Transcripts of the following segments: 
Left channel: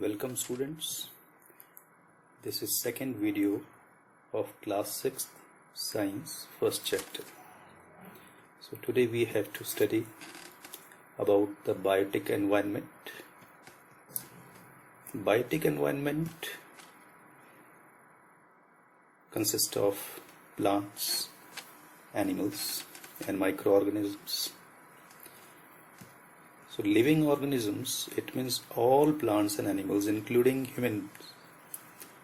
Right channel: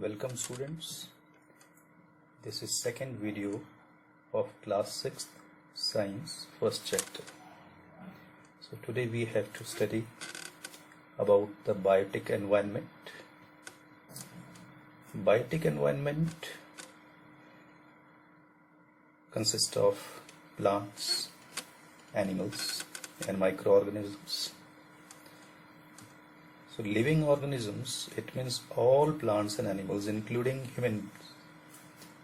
Welcome students. This is second video of class 6th science first chapter. So today we have to study about the biotic environment. Biotic environment consists of plants, animals and microorganisms. So living organisms, it means all plants and animals including humans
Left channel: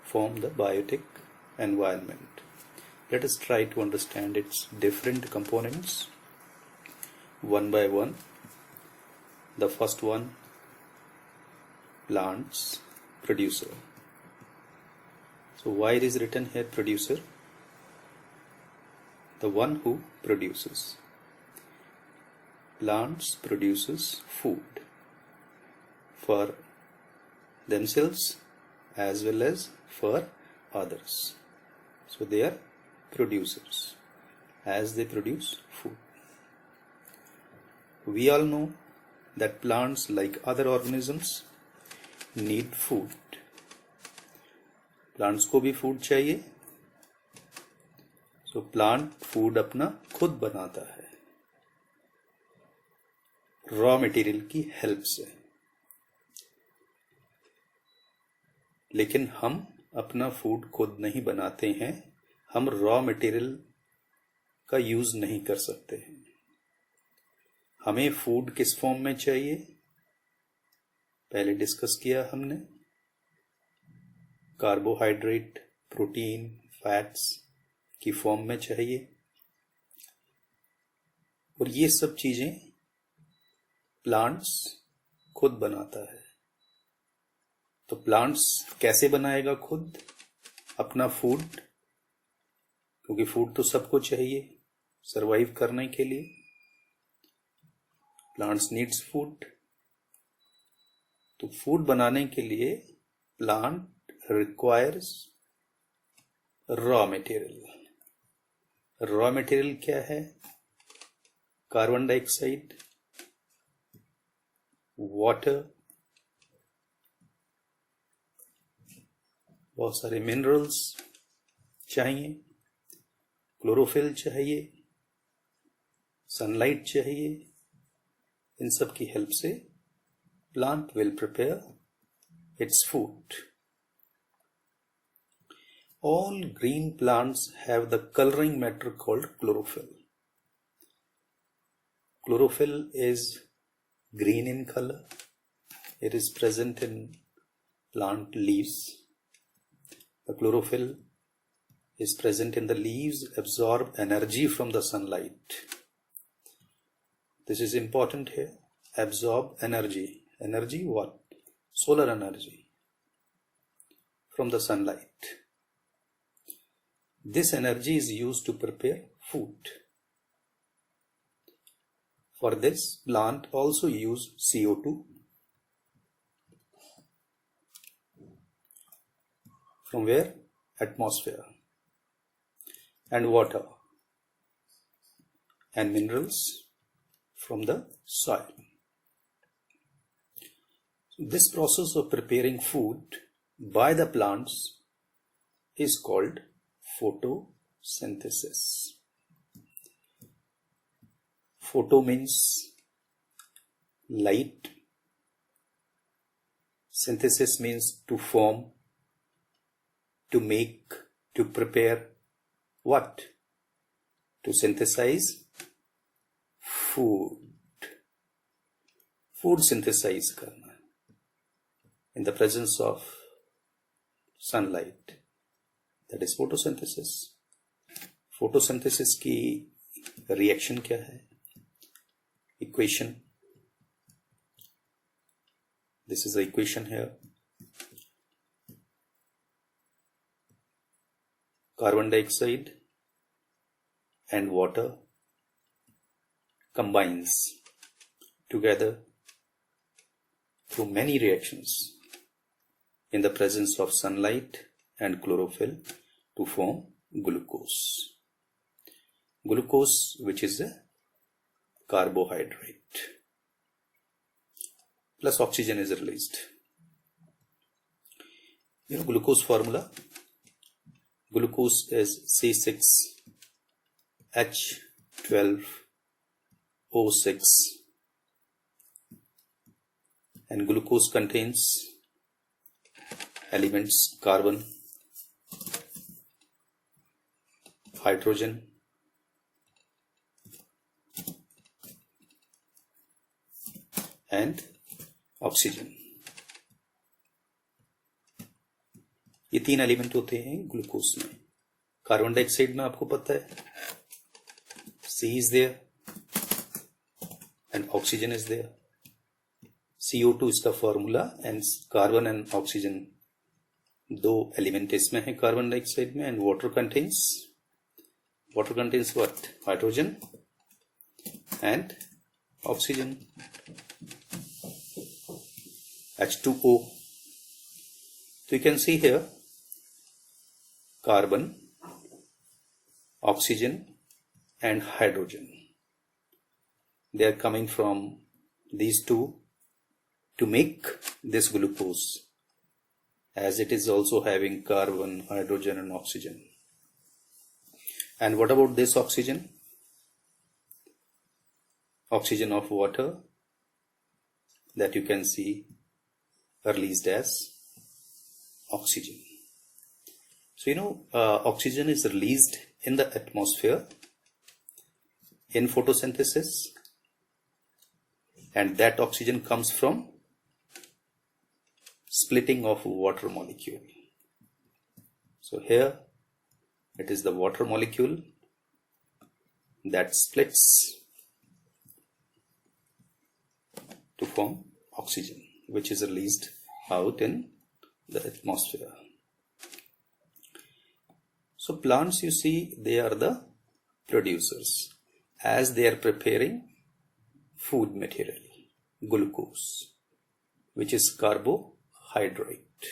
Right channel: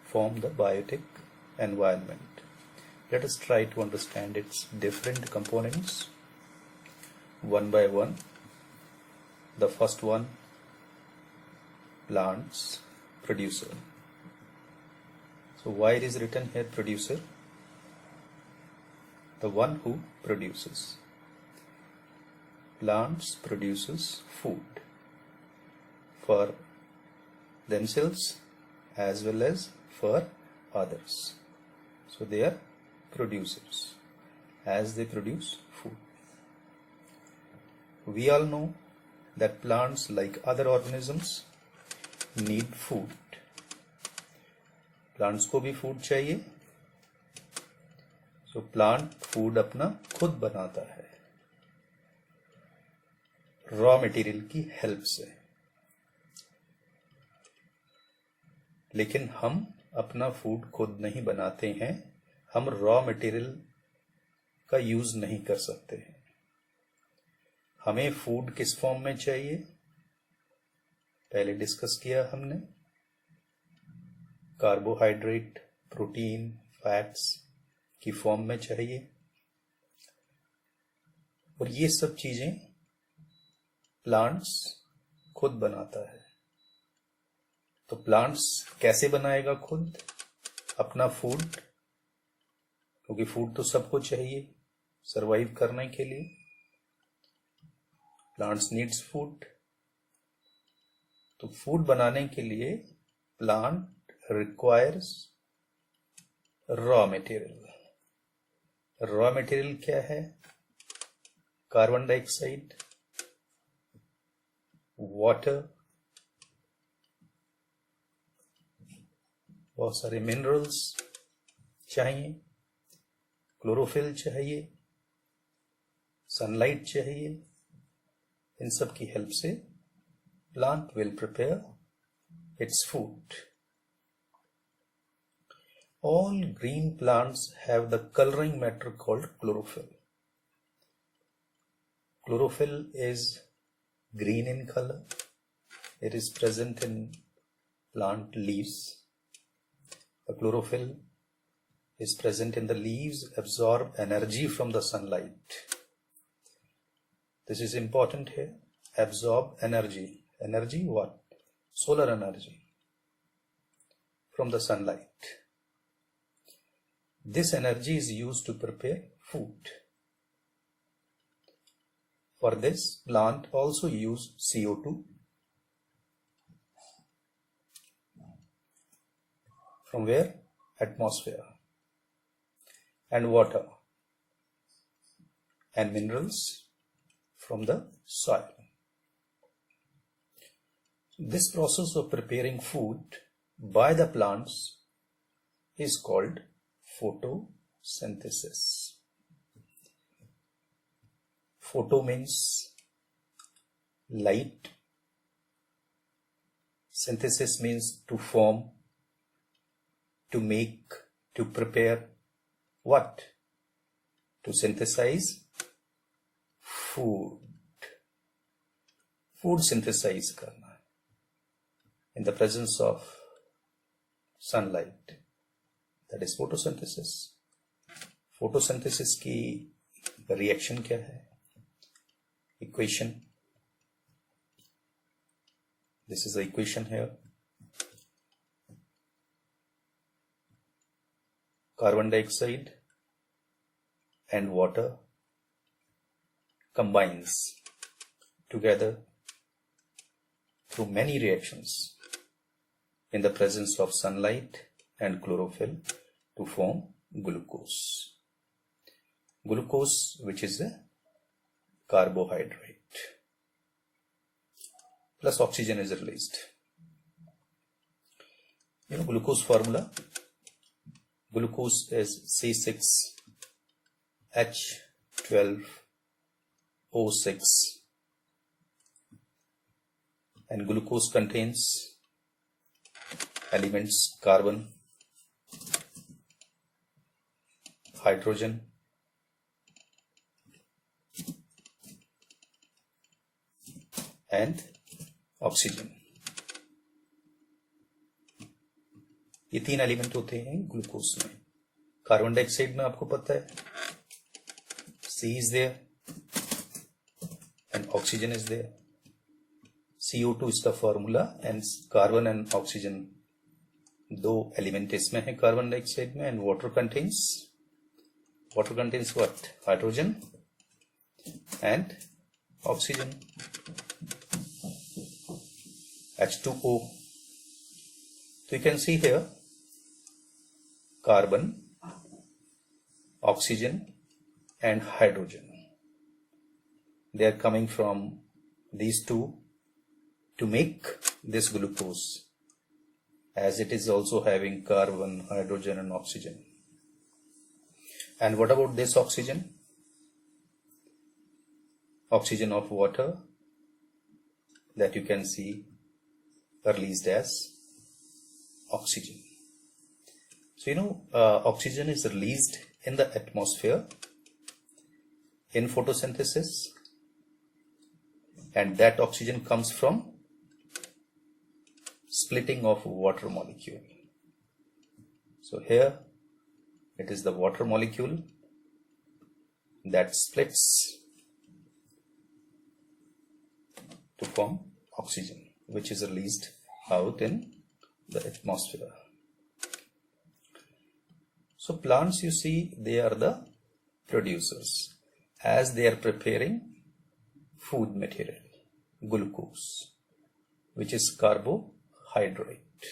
form the biotic environment. Let us try to understand its different components one by one. The first one, plants, producer. So why it is written here producer? The one who produces. Plants produces food for themselves as well as for others. So they are producers as they produce food. We all know that plants, like other organisms, need food. Plants को भी food चाहिए. So plant food अपना खुद बनाता है raw material की help से. लेकिन हम अपना फूड खुद नहीं बनाते हैं. हम रॉ मटेरियल का यूज नहीं कर सकते हैं. हमें फूड किस फॉर्म में चाहिए पहले डिस्कस किया हमने. कार्बोहाइड्रेट, प्रोटीन, फैट्स की फॉर्म में चाहिए. और ये सब चीजें प्लांट्स खुद बनाता है. तो प्लांट्स कैसे बनाएगा खुद अपना फूड? क्योंकि फूड तो सबको चाहिए सरवाइव करने के लिए. Plants needs food. तो फूड बनाने के लिए plant requires raw material. Raw material क्या है? कार्बन डाइऑक्साइड, वाटर, बहुत सारे मिनरल्स चाहिए, क्लोरोफिल चाहिए, सनलाइट चाहिए. इन सब की हेल्प से plant will prepare its food. All green plants have the coloring matter called chlorophyll. Chlorophyll is green in color. It is present in plant leaves. The chlorophyll is present in the leaves, absorb energy from the sunlight. This is important here. Absorb energy. Energy what? Solar energy from the sunlight. This energy is used to prepare food. For this, plant also use CO2 from where? Atmosphere, and water and minerals from the soil. This process of preparing food by the plants is called photosynthesis. Photo means light. Synthesis means to form, to make, to prepare. What? To synthesize food. Food synthesize करना in the presence of sunlight. That is photosynthesis. Photosynthesis की reaction क्या है? Equation. This is the equation here. Carbon dioxide and water combines together through many reactions in the presence of sunlight and chlorophyll to form glucose. Glucose, which is a carbohydrate, plus oxygen is released. Glucose formula. Glucose is C6H12O6, and glucose contains elements carbon, hydrogen, and oxygen. ये 3 element होते हैं glucose में. Carbon dioxide में आपको पता है C is there and oxygen is there. CO2 इसका formula, and carbon and oxygen 2 element इसमें है कार्बन डाइऑक्साइड में. And water contains what? Hydrogen and oxygen, H2O. So you can see here carbon, oxygen and hydrogen. They are coming from these two to make this glucose, as it is also having carbon, hydrogen and oxygen. And what about this oxygen? Oxygen of water that you can see released as oxygen. So oxygen is released in the atmosphere in photosynthesis, and that oxygen comes from splitting of water molecule. So here it is the water molecule that splits to form oxygen, which is released out in the atmosphere. So plants, you see, they are the producers, as they are preparing food material, glucose, which is carbohydrate.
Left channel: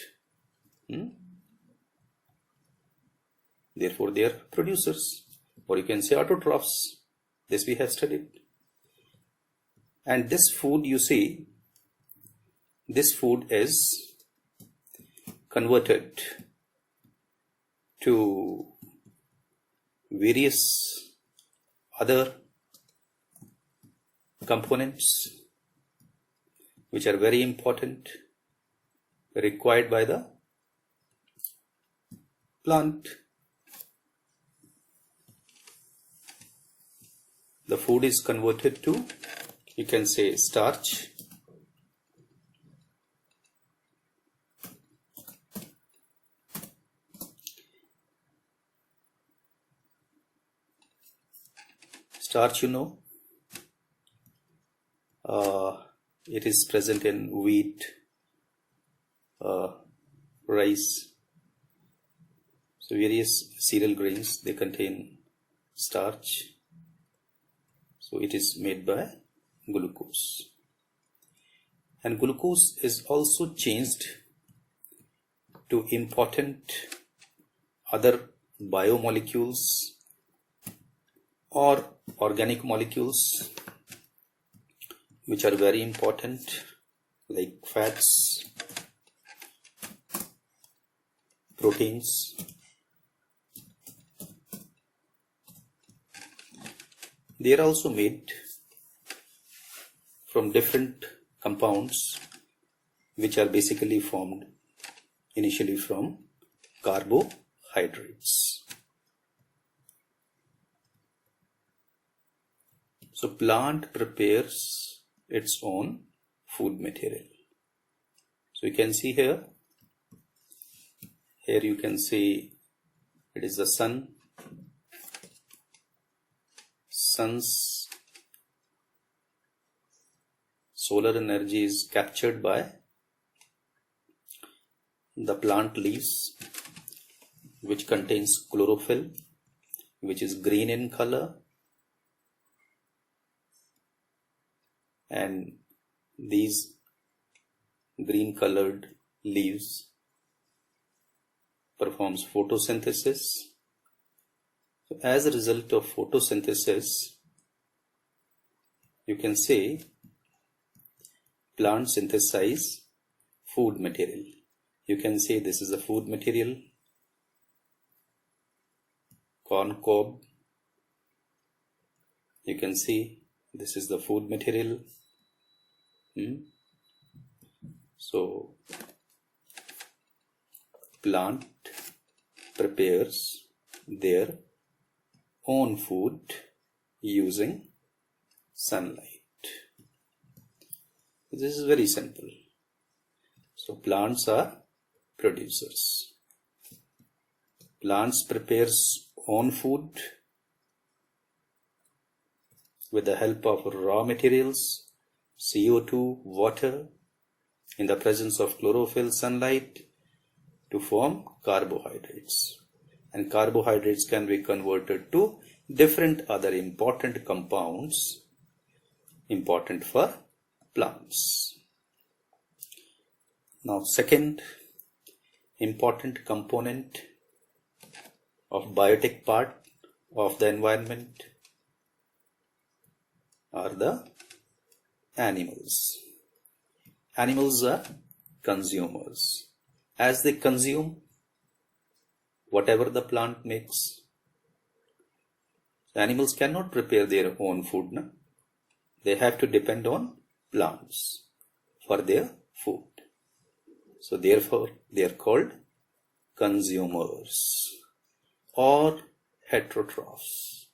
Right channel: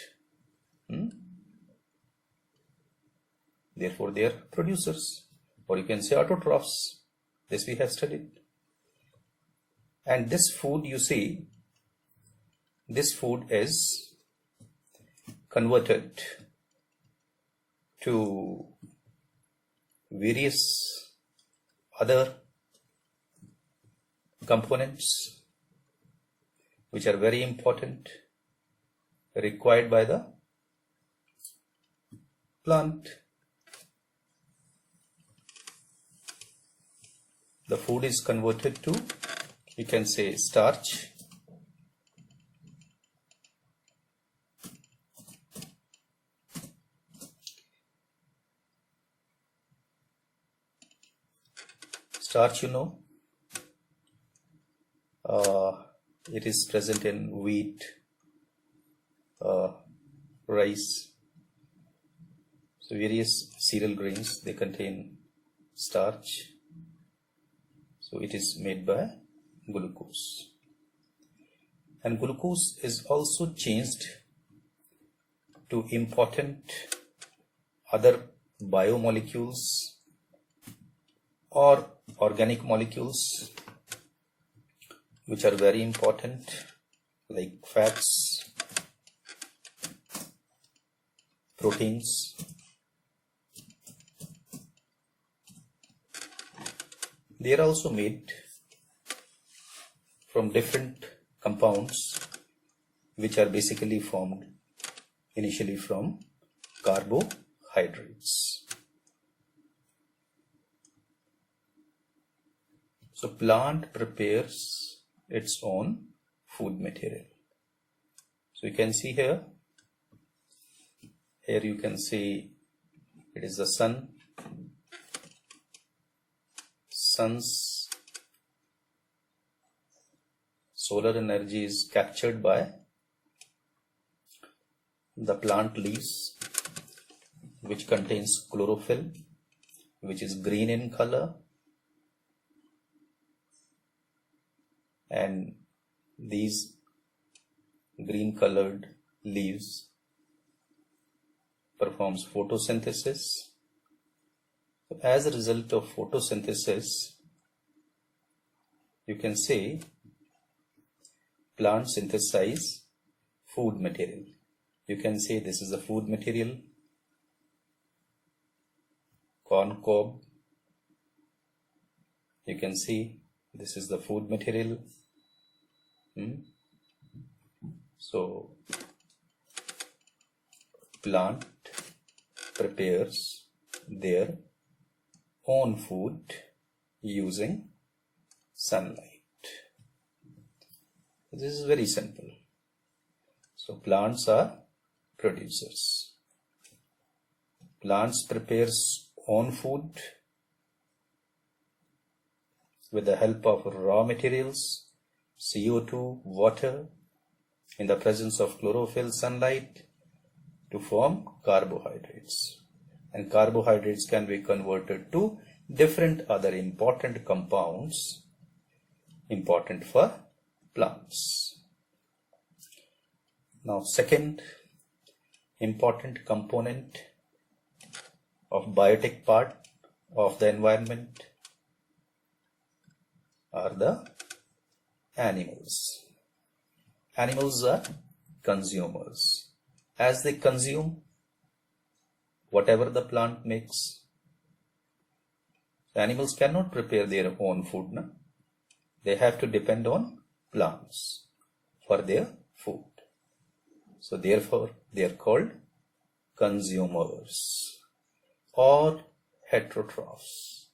Therefore they are producers, or you can say autotrophs. This we have studied. And this food, you see, this food is converted to various other components which are very important, required by the plant. The food is converted to, you can say, starch, it is present in wheat, rice. So various cereal grains, they contain starch. So it is made by glucose. And glucose is also changed to important other biomolecules or organic molecules which are very important, like fats, proteins, they are also made from different compounds which are basically formed initially from carbohydrates. So plant prepares its own food material. So you can see here you can see it is the sun. Sun's solar energy is captured by the plant leaves, which contains chlorophyll, which is green in color, and these green colored leaves performs photosynthesis. So as a result of photosynthesis, you can say plants synthesize food material. You can say this is a food material, corn cob. You can see this is the food material. So plant prepares their own food using sunlight. This is very simple. So plants are producers. Plants prepares own food with the help of raw materials, CO2, water, in the presence of chlorophyll, sunlight, to form carbohydrates. And carbohydrates can be converted to different other important compounds important for plants. Now, second important component of biotic part of the environment are the animals. Animals are consumers. As they consume whatever the plant makes, animals cannot prepare their own food. No? They have to depend on plants for their food. So therefore, they are called consumers or heterotrophs.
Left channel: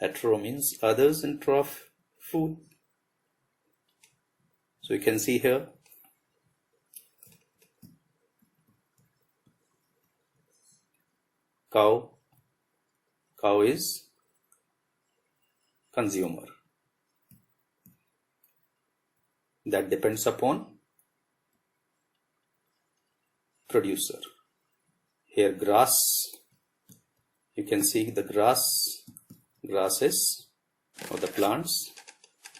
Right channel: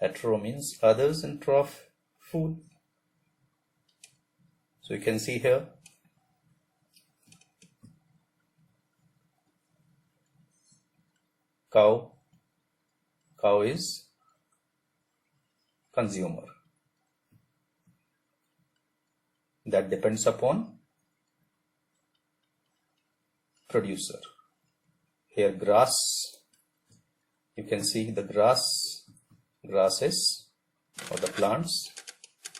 Hetero means others and troph, food. So you can see here, cow is consumer. That depends upon producer. Here grass, you can see the grasses or the plants,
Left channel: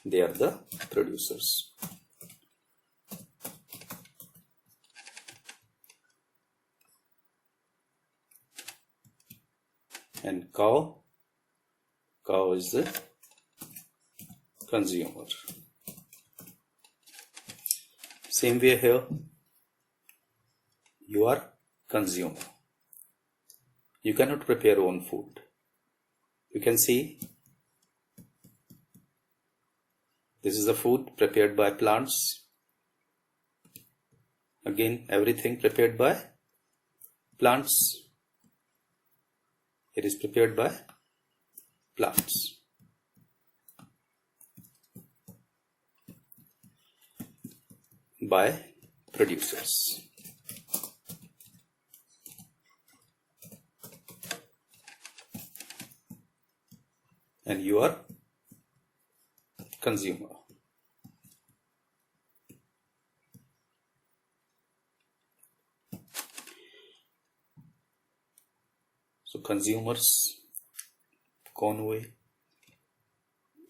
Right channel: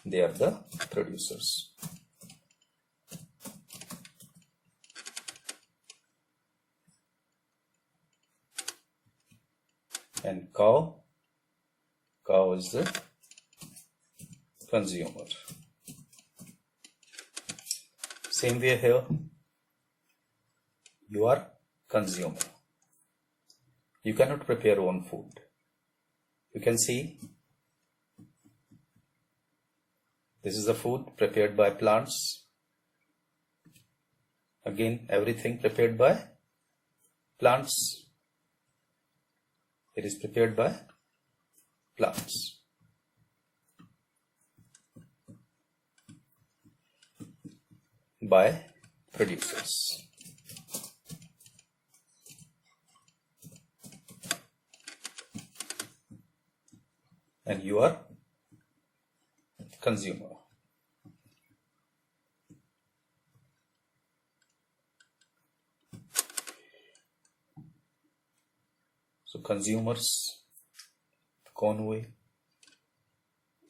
they are the producers. And cow is the consumer. Same way here, you are consumer. You cannot prepare own food. You can see this is the food prepared by plants. Again, everything prepared by plants. It is prepared by plants. By producers. And you are consumer. So consumers कौन हुए?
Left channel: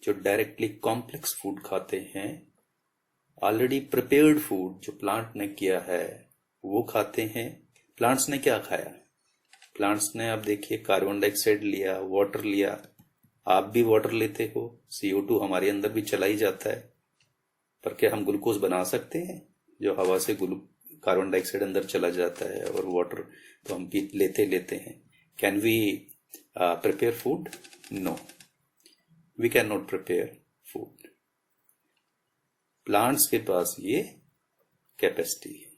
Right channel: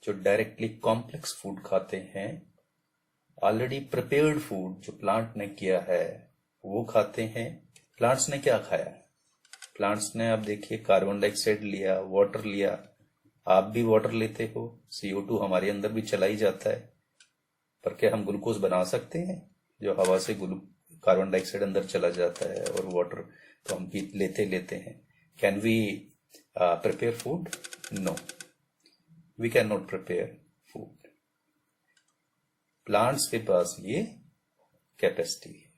जो directly complex food खाते हैं, already prepared food जो plant ने किया है वो खाते हैं. प्लांट्स ने क्या खाया? प्लांट्स ने, आप देखिए, कार्बन डाइऑक्साइड लिया, वाटर लिया. आप भी वाटर लेते हो, CO2 हमारे अंदर भी चला ही जाता है. पर क्या हम ग्लूकोज बना सकते हैं? जो हवा से कार्बन डाइऑक्साइड अंदर चला जाता है और वाटर तो हम पी लेते हैं. Can we prepare food? No, we can not prepare food. Plants के पास ये कैपेसिटी है.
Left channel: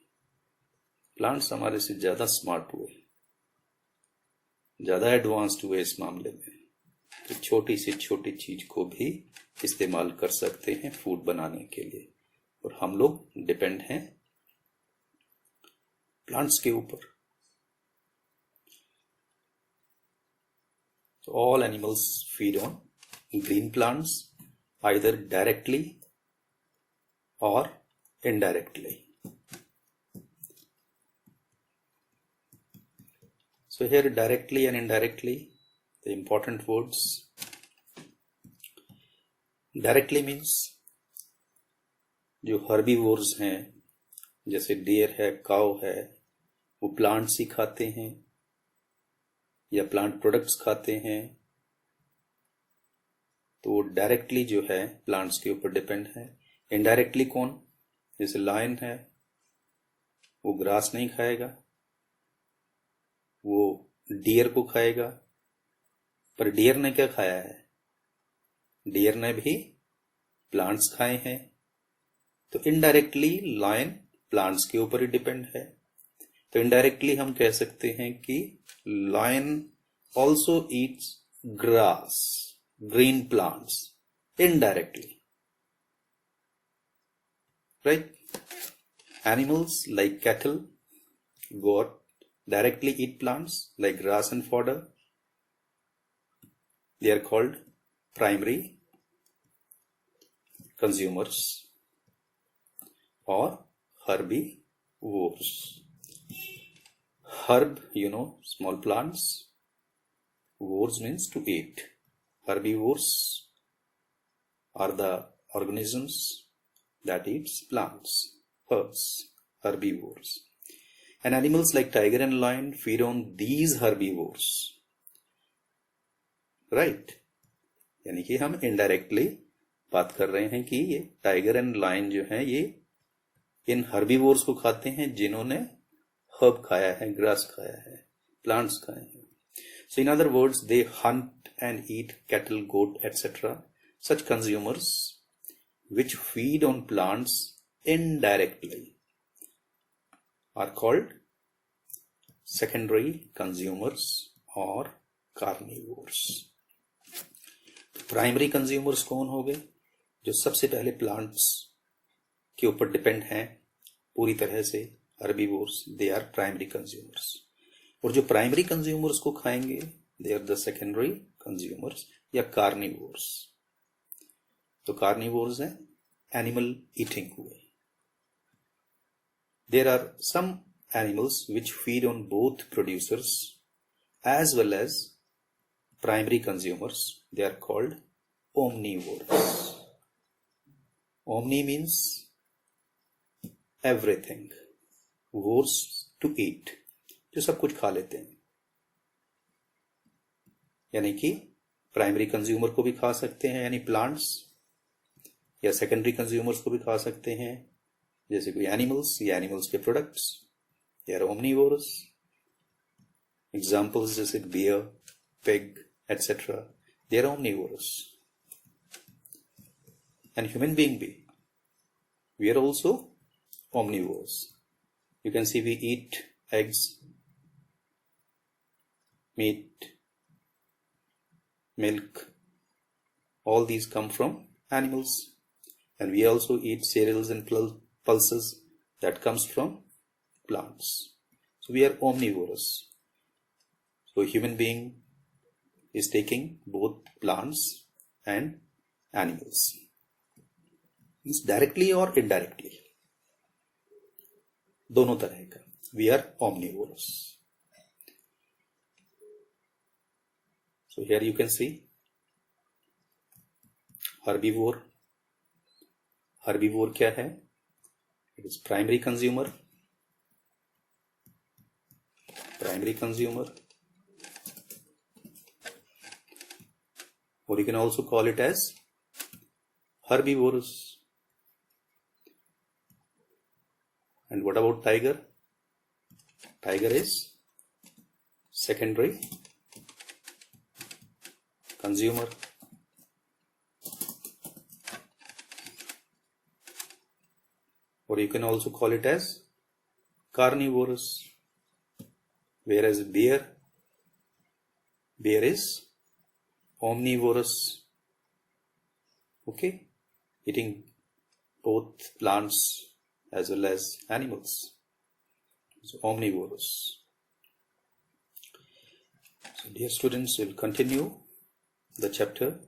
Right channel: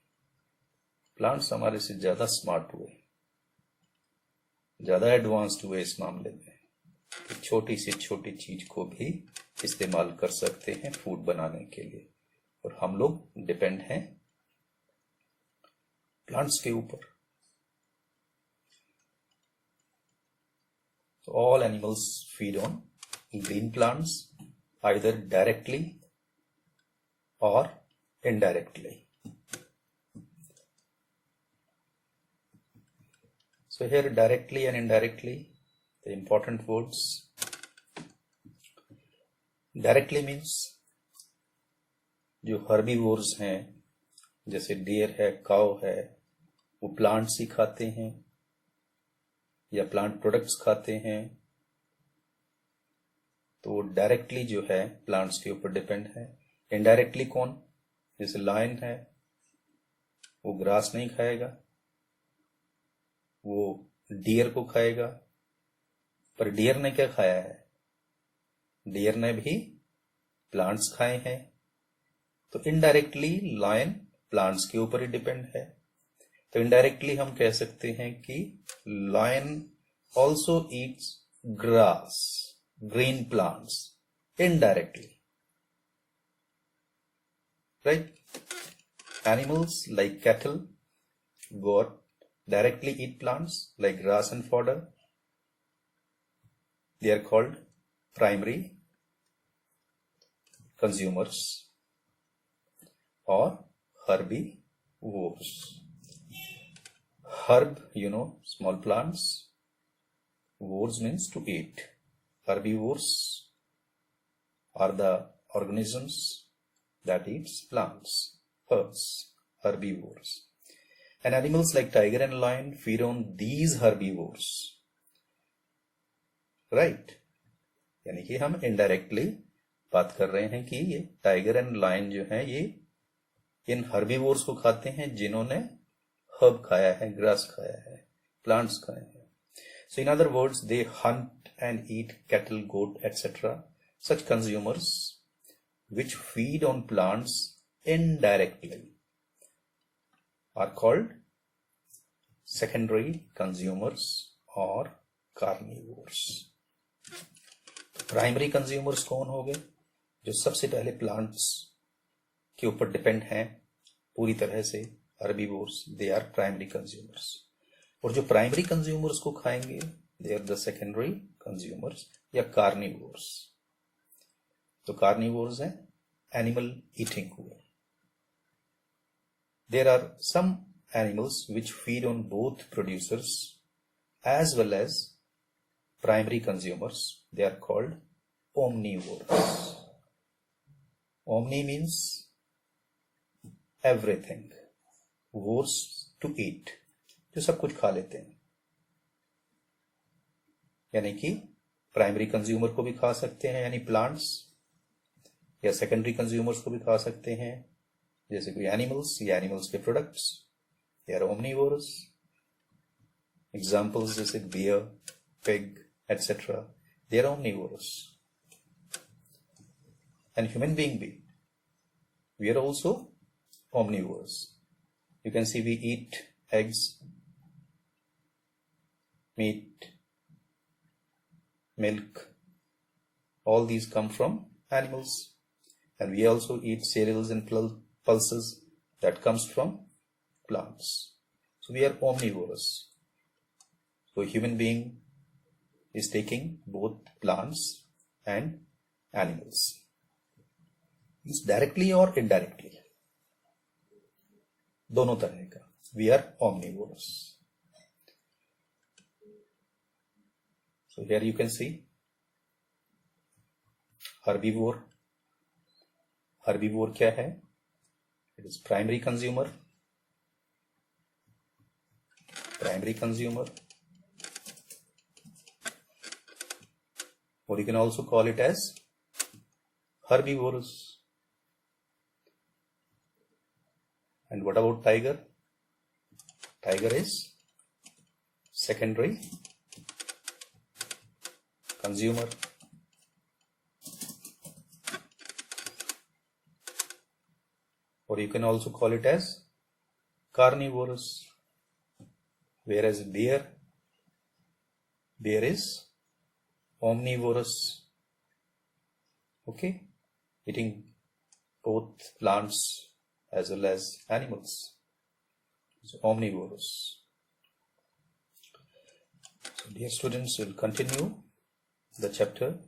प्लांट्स हमारे से ज्यादा स्मार्ट हुए, ज्यादा एडवांस्ड हुए इस मामले में कि छोटी से छोटी चीज को भी इस्तेमाल कर सकते हैं फूड बनाने के लिए. और हम लोग डिपेंड हैं प्लांट्स के ऊपर. So all animals feed on green plants either directly or indirectly. So here directly and indirectly, the important words. Directly means जो herbivores हैं, जैसे डियर है, काउ है, वो प्लांट्स ही खाते हैं या प्लांट प्रोडक्ट्स खाते हैं. तो वो डायरेक्टली जो है प्लांट्स के ऊपर डिपेंड है. इनडायरेक्टली कौन? जैसे लायन है, वो ग्रास नहीं खाएगा, वो डियर को खाएगा। पर डियर ने क्या खाया है? डियर ने भी प्लांट्स खाए हैं। तो इनडायरेक्टली लायन प्लांट्स के ऊपर ही डिपेंड है। तो इनडायरेक्टली हम कह सकते हैं कि lion also eats grass, green plants, indirectly, right? Animals like cattle, goat directly eat plants like grass and fodder. They are called primary consumers or herbivores. Herb, small plants. Vores means to eat. Herbivores are the organisms that eats plants, herbs, herbivores. And animals like tiger and lion feed on these herbivores. Right? यानी कि हम indirectly बात कर रहे हैं कि ये tiger and lion जो है ये इन हर्बीवोर्स को खाते हैं जिन्होंने हर्ब खाया है, ग्रास खाया है, प्लांट्स खाए हैं. So in other words, they hunt and eat cattle, goat, etc. Such consumers which feed on plants indirectly are called secondary consumers or carnivores. Primary consumers कौन हो गए? जो सबसे पहले प्लांट्स के ऊपर डिपेंड हैं पूरी तरह से, herbivores, they are primary consumers. और जो प्राइमरी कंज्यूमर्स को खाएंगे they are the secondary consumers या कार्निवोर्स. तो कार्निवोर्स हैं एनिमल ईटिंग हुए. There are some animals which feed on both producers as well as primary consumers. They are called omnivores. Omni means everything. Vores to eat. जो सब कुछ खा लेते हैं. यानी कि प्राइमरी कंज्यूमर को भी खा सकते हैं यानी प्लांट्स, या सेकेंडरी कंज्यूमर्स को भी खा सकते हैं जैसे कोई एनिमल्स या एनिमल्स के products. They are omnivorous. Examples जैसे bear, pig, etc. They are omnivorous. And human being be. We are also omnivorous. You can see we eat eggs, meat, milk. All these come from animals. And we also eat cereals and pulses that comes from plants. So we are omnivorous. So human being is taking both plants and animals. Means directly or indirectly. दोनों तरह का. We are omnivorous. So here you can see herbivore. Herbivore क्या है? It is primary consumer. Primary consumer. Or you can also call it as herbivorous. And what about tiger? Tiger is secondary consumer. Or you can also call it as carnivorous. Whereas bear is omnivorous. Okay, eating both plants as well as animals. So omnivorous. So dear students, we'll continue the chapter.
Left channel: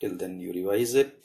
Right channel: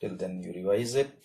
Till then you revise it.